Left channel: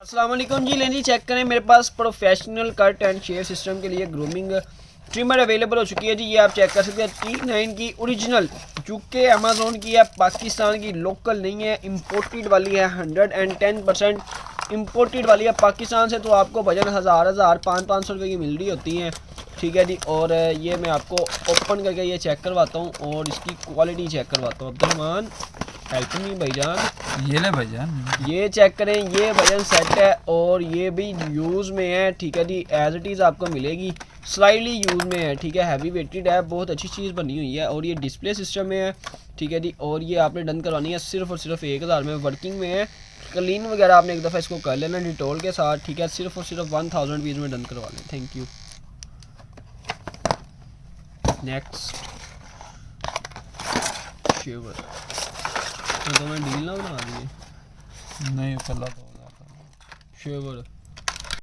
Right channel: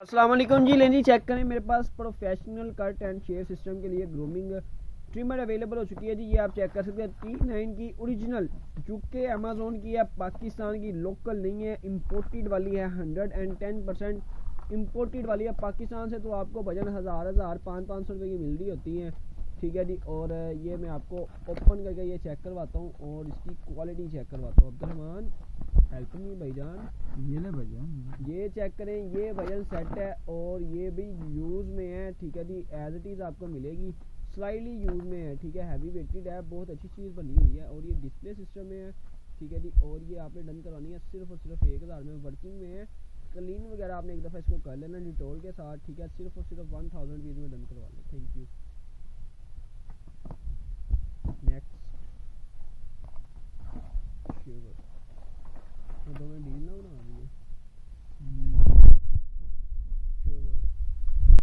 अस्सलाम वालेकुम जी। लें जी चेक करें, मेरे पास professional cut and shave system के लिए ग्रूमिंग ट्रिमर अवेलेबल हो चुकी है जी। ये आप चेक कर सकते हैं, T9 की ओरिजिनल, जो कि अमेज़ोन की है, पाकिस्तान की लोकल नहीं है, इंपोर्टेड वाली है। 110% इंपोर्टेड वाली है पाकिस्तान से। तो आपको वजन हज़ार 500 रुपये की मिल रही होती हैं, ठीक है जी। और ये मैं आपको ओपन करके ये चेक करवाता हूँ और इसकी क्वालिटी चेक करवाता हूँ। अब्दुलरहमान हेल्प मी भाईजान, ये ले भाईजान, ये चेक करें, ये वजन सेट है और ये भी यूज़ में है, ठीक है जी। एज इट इज़ आपको मिलेगी, स्लाइटली यूज़ में है, ठीक है। हैवी वेटेड है, बहुत अच्छी चीज़ बनी हुई है और ये डिस्प्ले सिस्टम में है, ठीक है जी। और ये आपने डन करवानी है सिर्फ और सिर्फ 1000 में, वर्किंग में है। क्लीन वगैरह आपने एक दफ़ा इसको कर लेना डिटोल के साथ, ठीक है। सिर्फ और सिर्फ 1000 रुपीज़ में डन करवा लें। Thank you. नेक्स्ट शेवर तो मैं डील ना बना दिए नहीं पता शेवर